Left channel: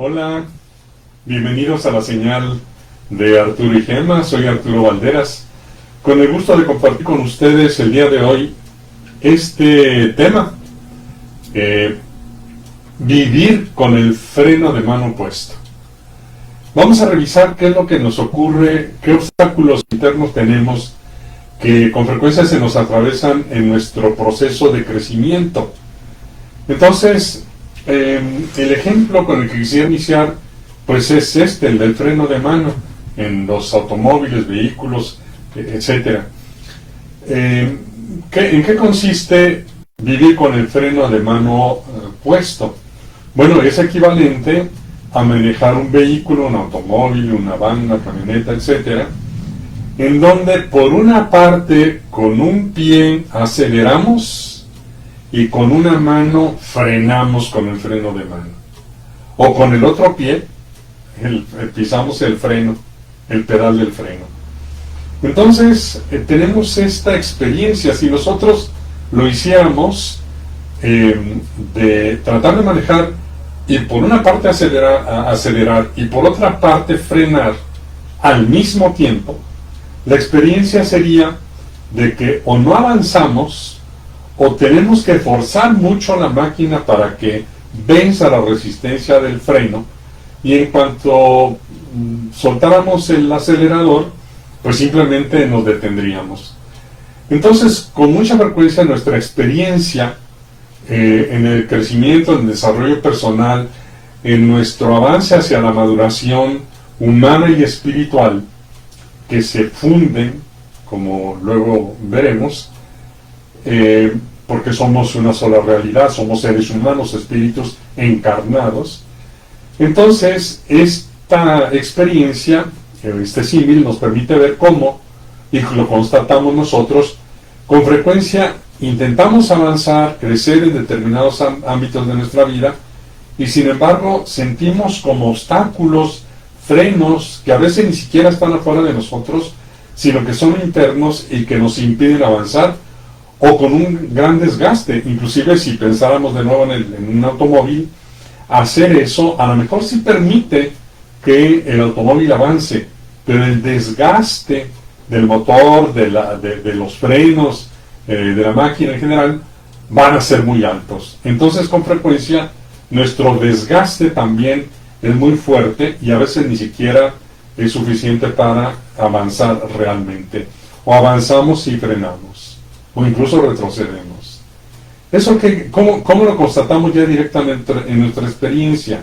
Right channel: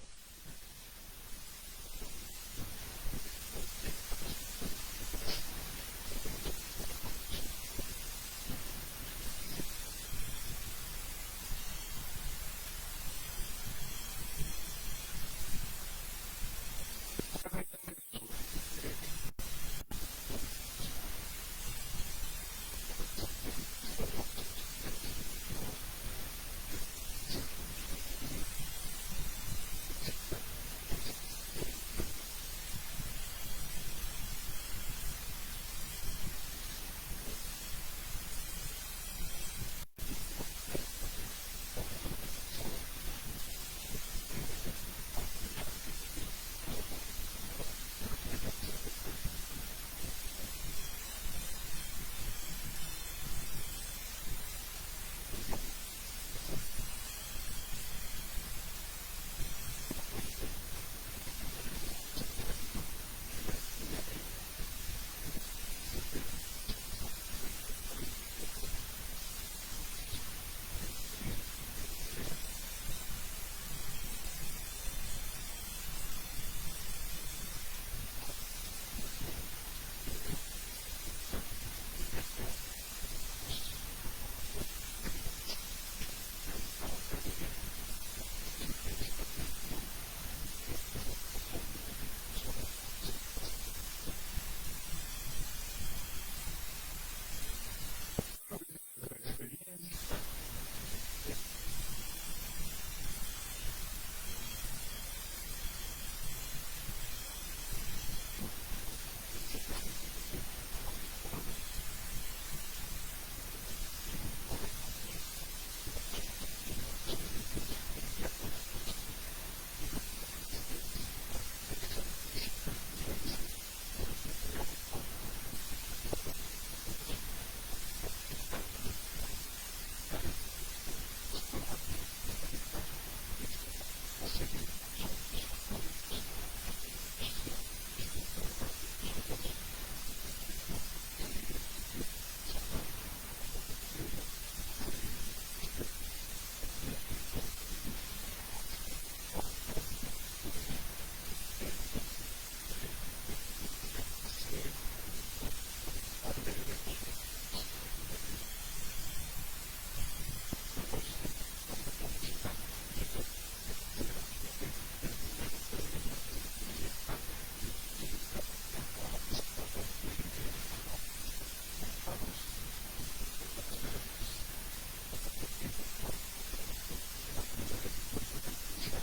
Hola, bienvenidos a la señal de Arturo y Gemma. Soy Arturo Valderas, con el gusto de compartir con ustedes el día de hoy este tema, eh, vivir con el freno de mano puesto. Vamos a revisar qué es lo que nos ocurre, qué obstáculos internos tenemos que con frecuencia se nos atravesan en nuestro proceso de crecimiento. Entonces, el ejemplo con el que quisiera iniciar pues es el del freno de mano en los automóviles, vehículos, etcétera. ¿En qué consiste vivir con el freno de mano puesto? Bueno, es equivalente a manejar un vehículo, un automóvil, una van, una camioneta, etcétera, en donde por una parte con un pie aceleramos y con una mano frenamos con el freno de mano, o con el otro pie pisamos el freno, el pedal del freno. Entonces tenemos esta experiencia. Si nosotros lo hiciéramos, de tratar de manejar y por una parte acelerar y por otra parte frenar al mismo tiempo, la experiencia sería de que o no avanzamos o tenemos que forzar mucho la máquina para que venza la resistencia del freno, y en cuanto soltáramos el acelerador, pues simplemente nos detendríamos. Entonces, con mucha frecuencia nuestra experiencia en el crecimiento, en el desarrollo personal, en nuestro avance hacia la maduración humana y espiritual, que se funden, como luego veremos, porque somos una sola realidad, somos seres humanos, espíritus encarnados. Entonces, esta experiencia, este símil, nos permite ver cómo, y lo constatamos nosotros, con frecuencia intentamos avanzar, crecer en determinados ámbitos de nuestra vida, y sin embargo sentimos como obstáculos, frenos, que a veces ni siquiera están afuera de nosotros, sino que son internos y que nos impiden avanzar, o con un gran desgaste. Inclusive si pensáramos de nuevo en un automóvil, hacer eso a lo mejor sí permite que el automóvil avance, pero el desgaste del motor, de los frenos, de la máquina en general, van a ser muy altos. Entonces, con frecuencia, nuestro desgaste también es muy fuerte y a veces ni siquiera es suficiente para avanzar realmente. O avanzamos y frenamos, o incluso retrocedemos. Eso ¿cómo lo constatamos ya directamente en nuestra experiencia?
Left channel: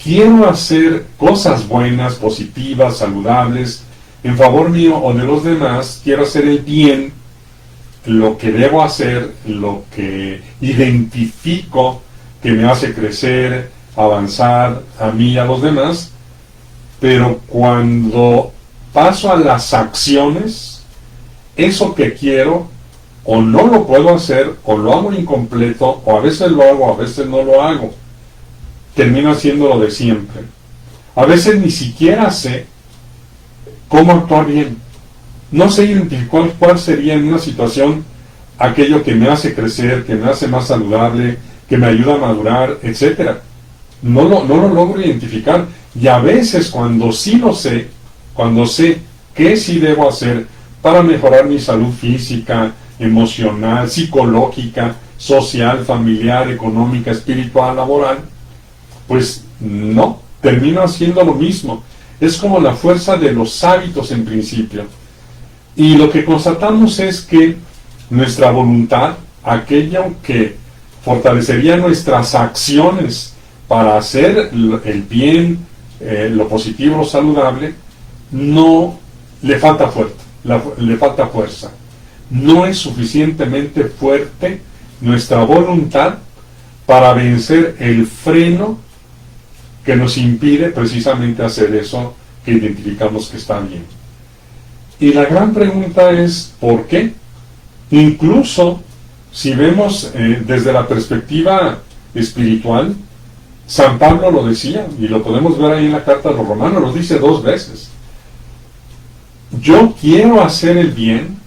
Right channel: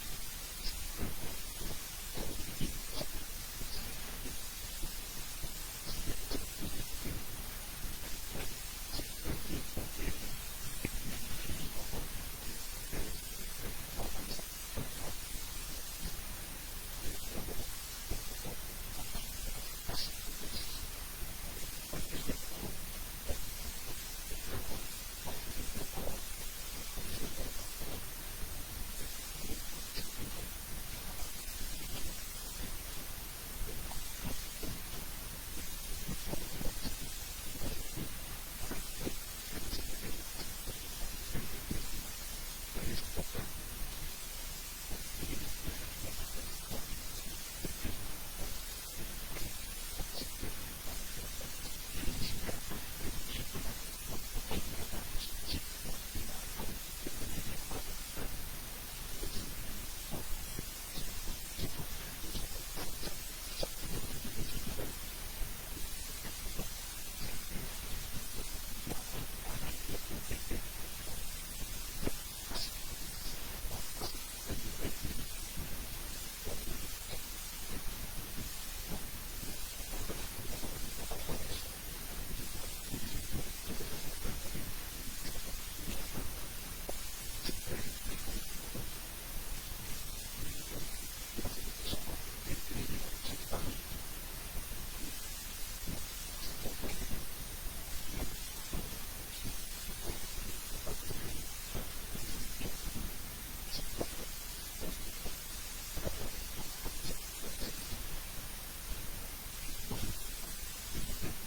Quiero hacer cosas buenas, positivas, saludables, en favor mío o de los demás. Quiero hacer el bien, lo que debo hacer, lo que identifico que me hace crecer, avanzar a mí y a los demás. Pero cuando paso a las acciones, eso que quiero o no lo puedo hacer, o lo hago incompleto, o a veces lo hago, a veces no lo hago. Termino haciendo lo de siempre. A veces ni siquiera sé cómo actuar bien. No sé identificar cuál sería en una situación aquello que me hace crecer, que me hace más saludable, que me ayuda a madurar, etc. No lo logro identificar. Y a veces cuando sí lo sé, cuando sé qué sí debo hacer para mejorar mi salud física, emocional, psicológica, social, familiar, económica, espiritual, laboral, pues no, termino haciendo lo mismo. Es como la fuerza de los hábitos en principio. Y lo que constatamos es que nuestra voluntad, aquello que fortalecería nuestras acciones para hacer el bien, lo positivo, lo saludable, no le falta le falta fuerza. No es suficientemente fuerte nuestra voluntad para vencer el freno que nos impide precisamente hacer eso que identificamos que está bien. Y la gran pregunta es, ¿por qué? Incluso si vemos desde la perspectiva espiritual, San Pablo lo decía, y lo podemos ver ahí en la carta a los Romanos, lo dice 2 veces. Yo quiero hacer el bien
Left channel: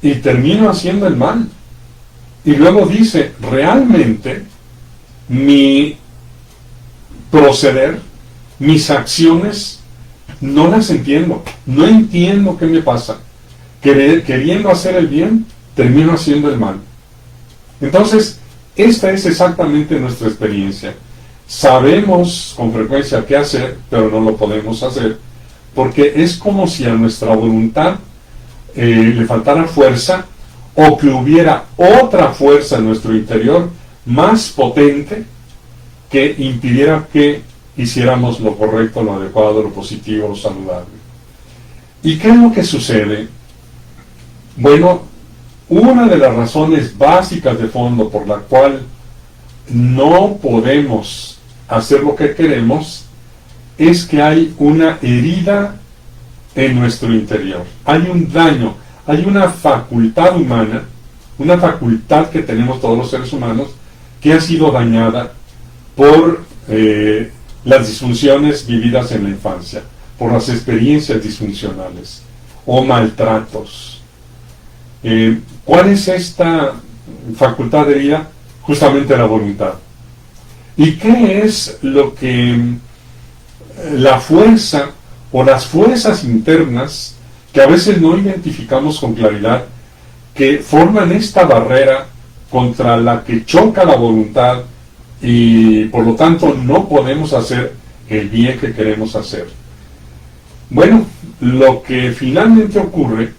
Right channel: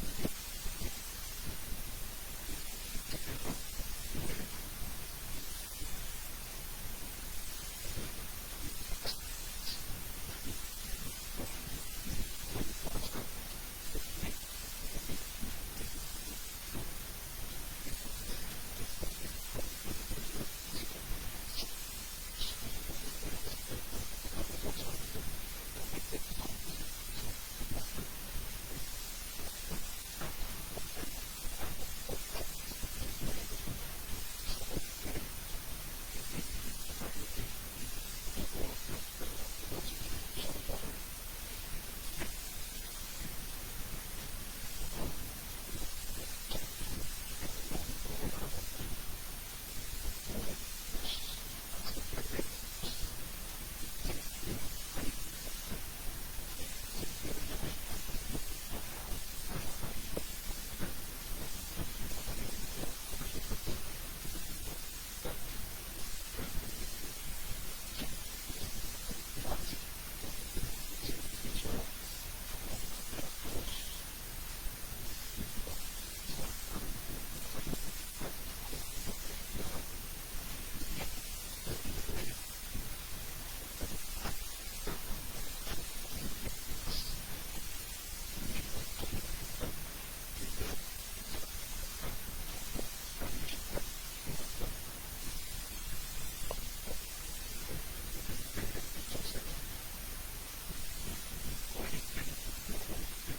y termino haciendo el mal. Y luego dice, realmente mi proceder, mis acciones, no las entiendo. No entiendo qué me pasa. Queriendo hacer el bien, termino haciendo el mal. Entonces, esta es exactamente nuestra experiencia. Sabemos con frecuencia qué hacer, pero no lo podemos hacer, porque es como si a nuestra voluntad le faltara fuerza, o que hubiera otra fuerza en nuestro interior más potente que impidiera que hiciéramos lo correcto, lo adecuado, lo positivo, lo saludable. ¿Y qué es lo que sucede? Bueno, una de las razones básicas de fondo por la cual no podemos hacer lo que queremos es que hay una herida en nuestro interior. Hay un daño, hay una facultad humana, una facultad que tenemos todos los seres humanos, que ha sido dañada por las disfunciones vividas en la infancia, por las experiencias disfuncionales o maltratos. ¿Cuál es esta facultad herida? Justamente la voluntad. ¿Y qué es lo que la fuerza o las fuerzas internas que a veces no identificamos con claridad, que forman esta barrera contra la que choca la voluntad y por lo tanto no podemos hacer el bien que queremos hacer? Bueno, lo que finalmente ocurre,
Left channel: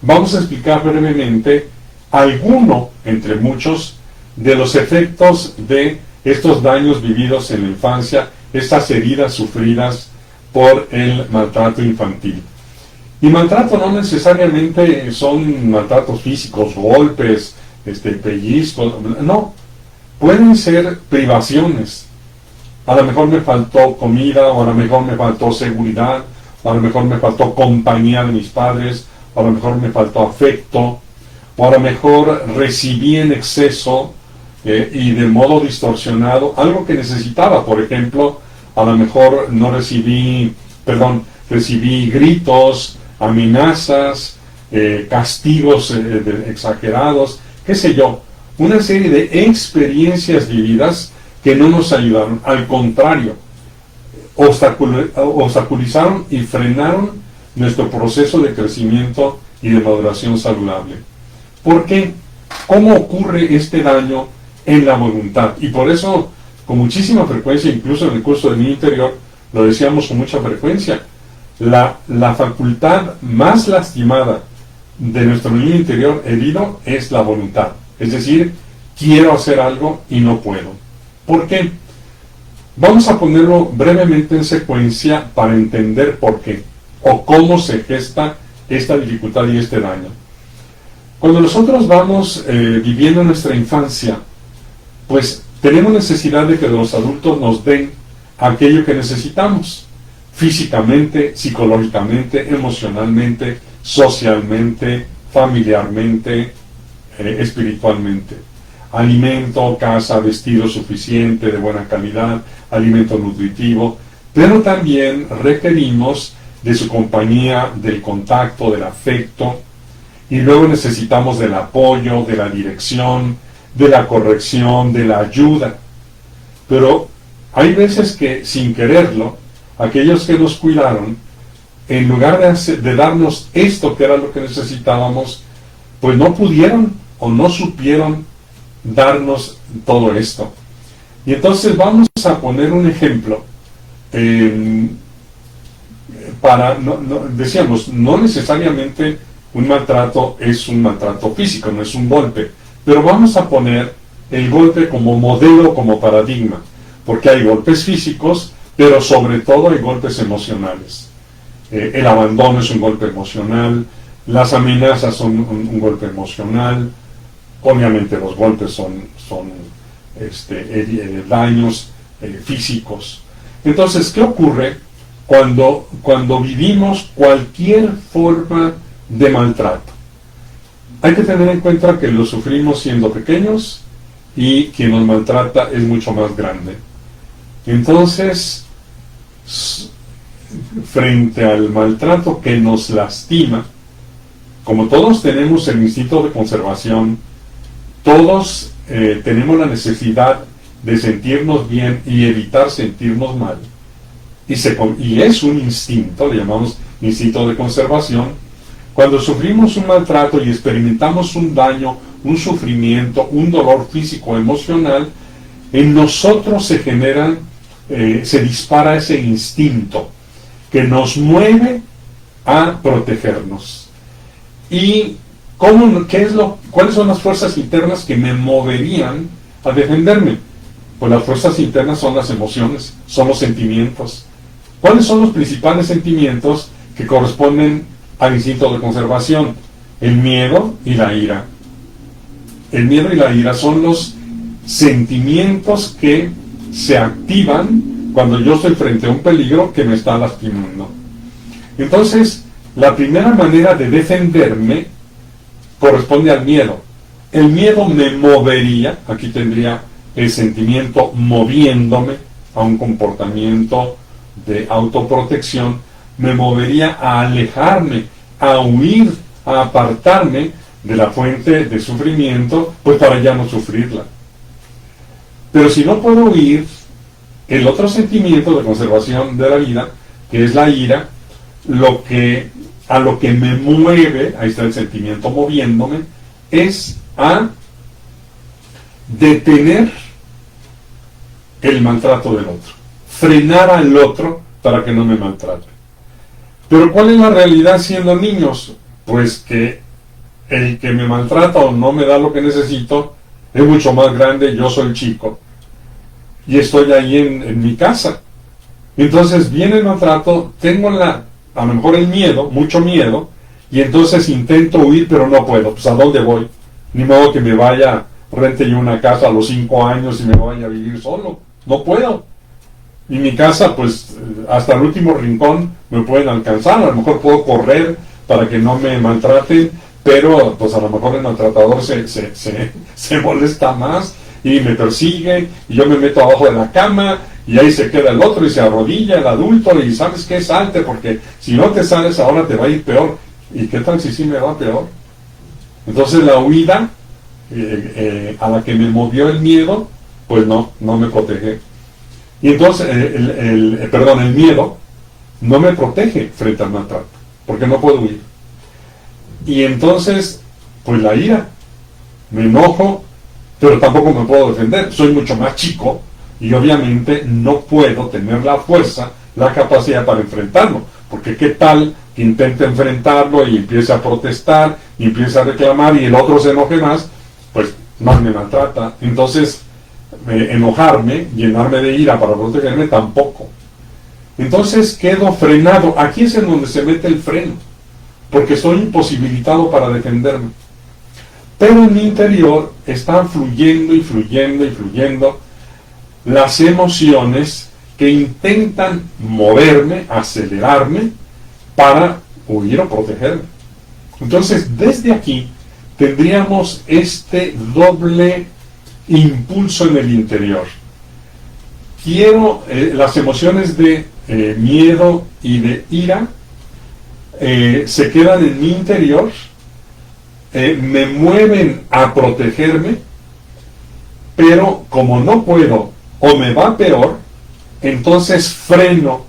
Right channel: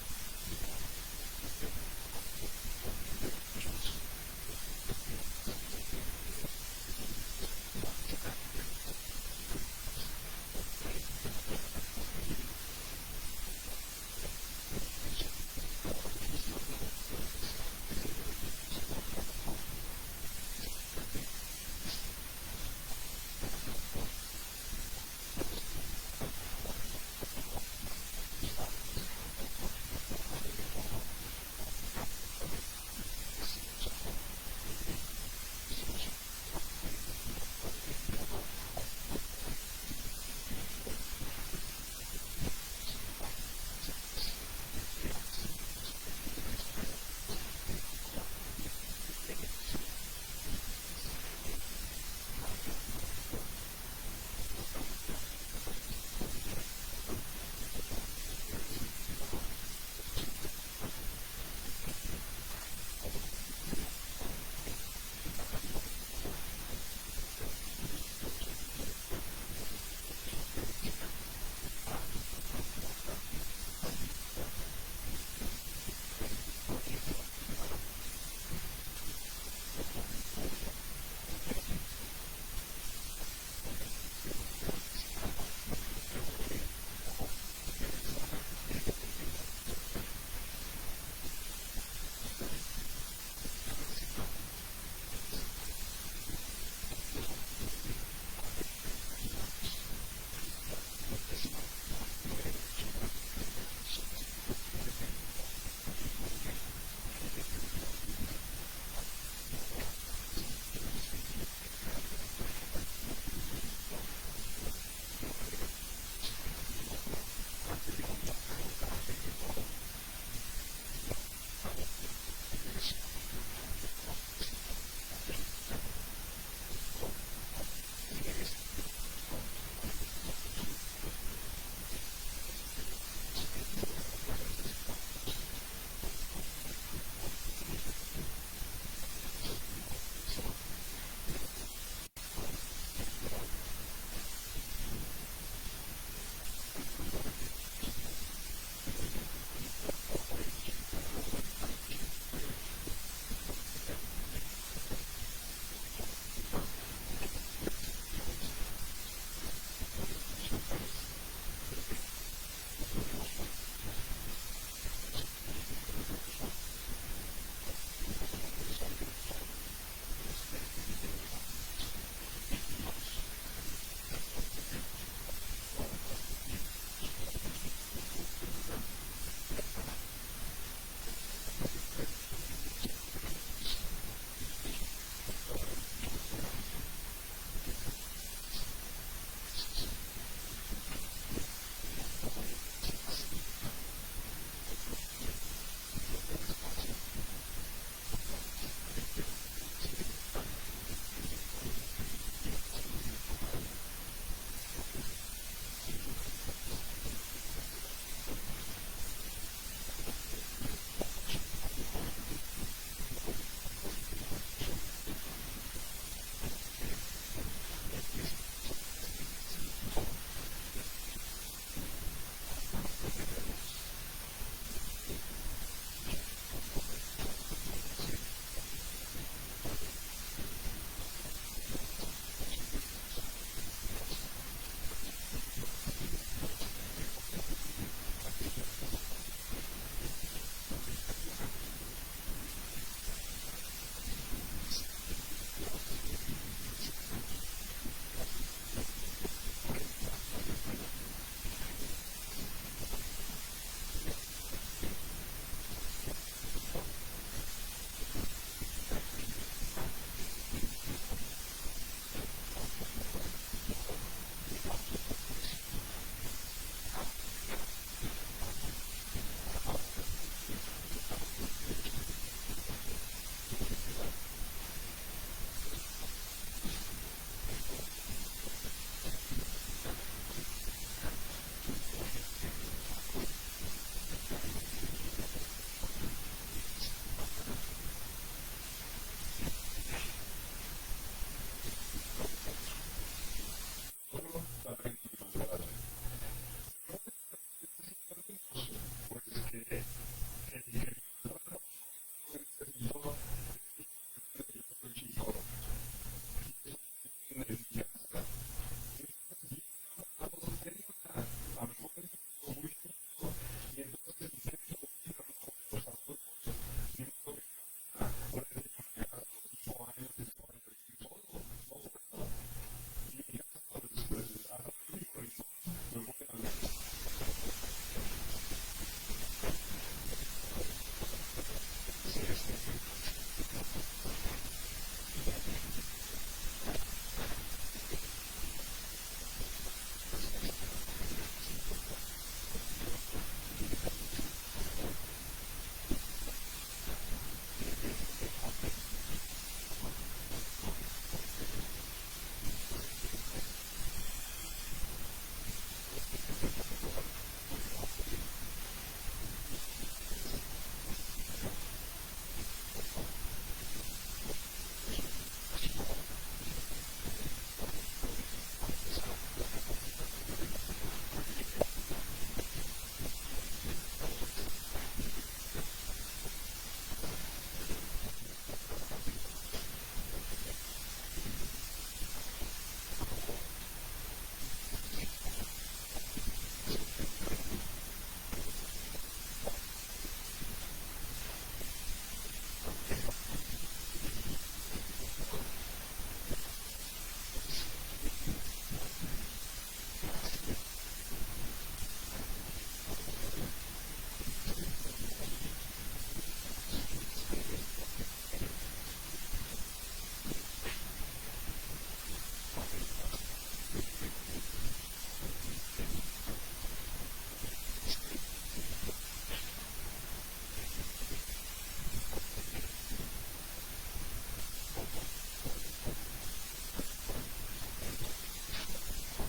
vamos a explicar brevemente alguno, entre muchos, de los efectos de estos daños vividos en la infancia, estas heridas sufridas por el maltrato infantil. Y maltrato no necesariamente son maltratos físicos, golpes, pellizcos, no, pueden ser privaciones. A lo mejor me faltó comida, o a lo mejor me faltó seguridad, o a lo mejor me faltó compañía de mis padres, o a lo mejor me faltó afecto, o a lo mejor recibí en exceso y de modo distorsionado algo que necesitaba. Por ejemplo, a lo mejor recibí gritos, amenazas, castigos exagerados, qué sé yo, una serie de experiencias vividas que no nos ayudaron, al contrario, obstaculizaron y frenaron nuestro proceso de crecimiento y de maduración saludable. ¿Por qué? ¿Cómo ocurre este daño en la voluntad? Y por eso, con muchísima frecuencia, incluso en el curso de mi interior, lo decíamos con mucha frecuencia, la facultad más lastimada de nuestro niño interior herido es la voluntad. Es decir, quiero hacer algo y no puedo. ¿Por qué? Vamos a ponerlo brevemente en secuencia para entender por qué o cómo se gesta esta dificultad y este daño. Cuando nosotros vamos viviendo nuestra infancia, pues tenemos necesidad de que los adultos nos den aquello que necesitamos, físicamente, psicológicamente, emocionalmente, socialmente, familiarmente, espiritualmente. Alimento, casa, vestido suficiente, de buena calidad, alimento nutritivo, pero también requerimos de su compañía, del contacto, del afecto, y luego necesitamos del apoyo, de la dirección, de la corrección, de la ayuda. Pero hay veces que, sin quererlo, aquellos que nos cuidaron, en lugar de darnos esto que era lo que necesitábamos, pues no pudieron o no supieron darnos todo esto. Y entonces vamos a poner un ejemplo. Decíamos, no necesariamente un maltrato es un maltrato físico, no es un golpe, pero vamos a poner el golpe como modelo, como paradigma, porque hay golpes físicos, pero sobre todo hay golpes emocionales. El abandono es un golpe emocional, las amenazas son un golpe emocional, obviamente los golpes son daños físicos. Entonces, ¿qué ocurre cuando vivimos cualquier forma de maltrato? Hay que tener en cuenta que lo sufrimos siendo pequeños y quien nos maltrata es mucho más grande. Entonces, frente al maltrato que nos lastima, como todos tenemos el instinto de conservación, todos tenemos la necesidad de sentirnos bien y evitar sentirnos mal, y es un instinto, le llamamos instinto de conservación. Cuando sufrimos un maltrato y experimentamos un daño, un sufrimiento, un dolor físico o emocional, en nosotros se generan, se dispara ese instinto que nos mueve a protegernos. ¿Y cuáles son las fuerzas internas que me moverían a defenderme? Pues las fuerzas internas son las emociones, son los sentimientos. ¿Cuáles son los principales sentimientos que corresponden al instinto de conservación? El miedo y la ira. El miedo y la ira son los sentimientos que se activan cuando yo estoy frente a un peligro que me está lastimando. Entonces, la primera manera de defenderme corresponde al miedo. El miedo me movería, aquí tendría el sentimiento moviéndome a un comportamiento de autoprotección, me movería a alejarme, a huir, a apartarme de la fuente de sufrimiento, pues para ya no sufrirla. Pero si no puedo huir, el otro sentimiento de conservación de la vida, que es la ira, a lo que me mueve, ahí está el sentimiento moviéndome, es a detener el maltrato del otro, frenar al otro para que no me maltrate. Pero ¿cuál es la realidad siendo niños? Pues que el que me maltrata o no me da lo que necesito es mucho más grande, yo soy chico y estoy ahí en mi casa. Entonces viene el maltrato, tengo a lo mejor el miedo, mucho miedo, y entonces intento huir, pero no puedo. Pues ¿a dónde voy? Ni modo que me vaya, rente yo una casa a los 5 años y me vaya a vivir solo. No puedo. Y mi casa, pues hasta el último rincón me pueden alcanzar. A lo mejor puedo correr para que no me maltraten, pero pues a lo mejor el maltratador se molesta más y me persigue, y yo me meto abajo de la cama, y ahí se queda el otro y se arrodilla el adulto y ¿sabes qué? Salte, porque si no te sales ahora te va a ir peor. ¿Y qué tal si sí me va peor? Entonces la huida a la que me movió el miedo, pues no me protege. Y entonces el miedo no me protege frente al maltrato, porque no puedo huir. Y entonces, pues la ira, me enojo, pero tampoco me puedo defender, soy mucho más chico y obviamente no puedo tener la fuerza, la capacidad para enfrentarlo, porque qué tal que intente enfrentarlo y empiece a protestar y empiece a reclamar y el otro se enoje más, pues más me maltrata. Entonces enojarme, llenarme de ira para protegerme, tampoco. Entonces quedo frenado. Aquí es en donde se mete el freno, porque estoy imposibilitado para defenderme. Pero en mi interior están fluyendo y fluyendo y fluyendo las emociones que intentan moverme, acelerarme para huir o protegerme. Entonces, desde aquí tendríamos este doble impulso en el interior. Las emociones de miedo y de ira se quedan en mi interior, me mueven a protegerme, pero como no puedo o me va peor, entonces freno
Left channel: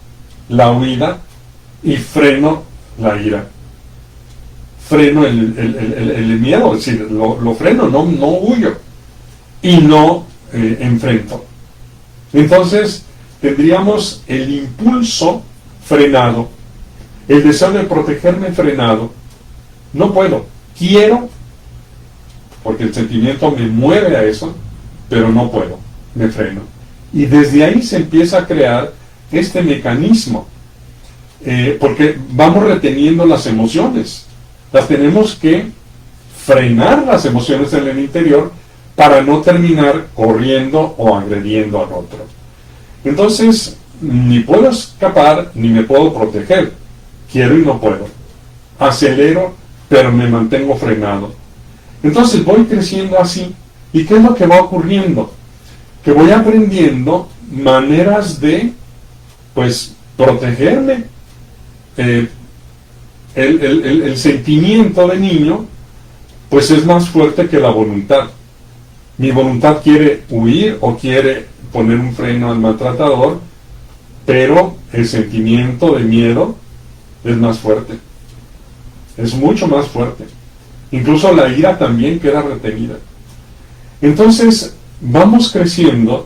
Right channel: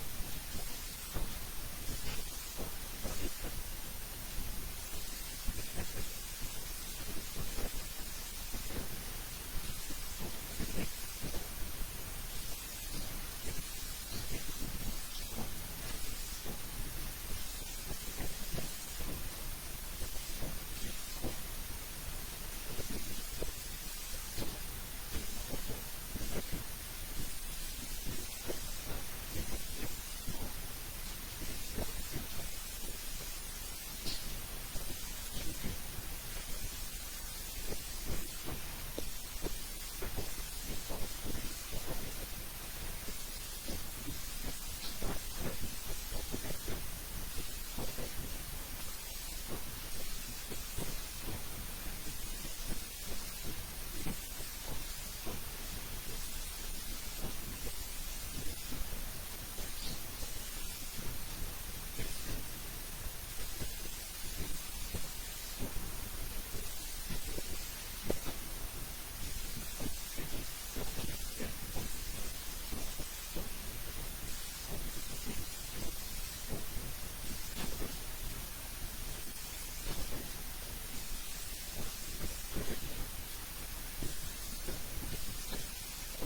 la huida y freno la ira. Freno el miedo, es decir, lo freno, no huyo y no enfrento. Entonces tendríamos el impulso frenado, el deseo de protegerme frenado. No puedo, quiero, porque el sentimiento me mueve a eso, pero no puedo, me freno. Y desde ahí se empieza a crear este mecanismo, porque vamos reteniendo las emociones, las tenemos que frenar las emociones en el interior para no terminar corriendo o agrediendo al otro. Entonces, ni puedo escapar ni me puedo proteger, quiero y no puedo, acelero pero me mantengo frenado. Entonces voy creciendo así. ¿Y qué es lo que va ocurriendo? Que voy aprendiendo maneras de, pues, protegerme. El sentimiento de niño, pues es más fuerte que la voluntad. Mi voluntad quiere huir o quiere poner un freno al maltratador, pero el sentimiento de miedo es más fuerte, es mucho más fuerte. Incluso la ira también queda retenida. Entonces vamos creciendo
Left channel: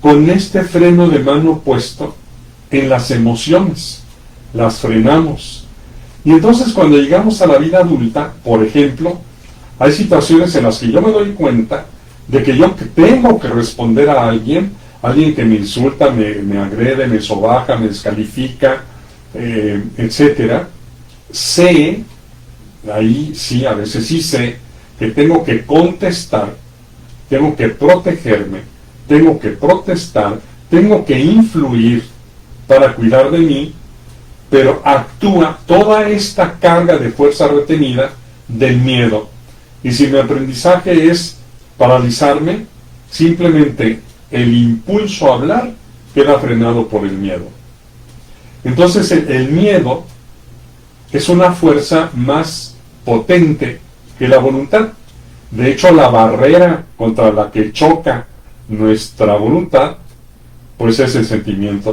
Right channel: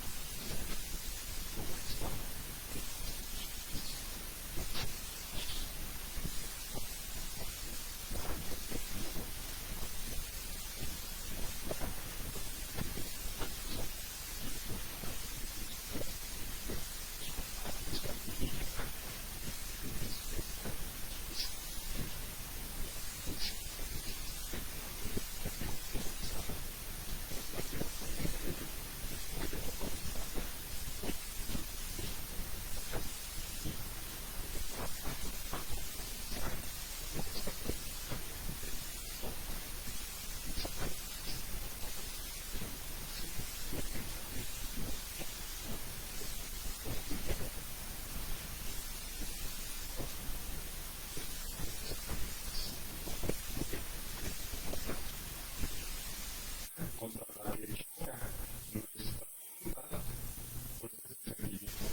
con este freno de mano puesto en las emociones, las frenamos. Y entonces cuando llegamos a la vida adulta, por ejemplo, hay situaciones en las que yo me doy cuenta de que yo tengo que responder a alguien que me insulta, me agrede, me sobaja, me descalifica, etcétera. Sé, ahí sí, a veces sí sé, que tengo que contestar, tengo que protegerme, tengo que protestar, tengo que influir para cuidar de mí, pero actúa toda esta carga de fuerza retenida del miedo. Y si mi aprendizaje es paralizarme, simplemente el impulso a hablar queda frenado por el miedo. Entonces el miedo es una fuerza más potente que la voluntad. De hecho, la barrera contra la que choca nuestra voluntad, pues es el sentimiento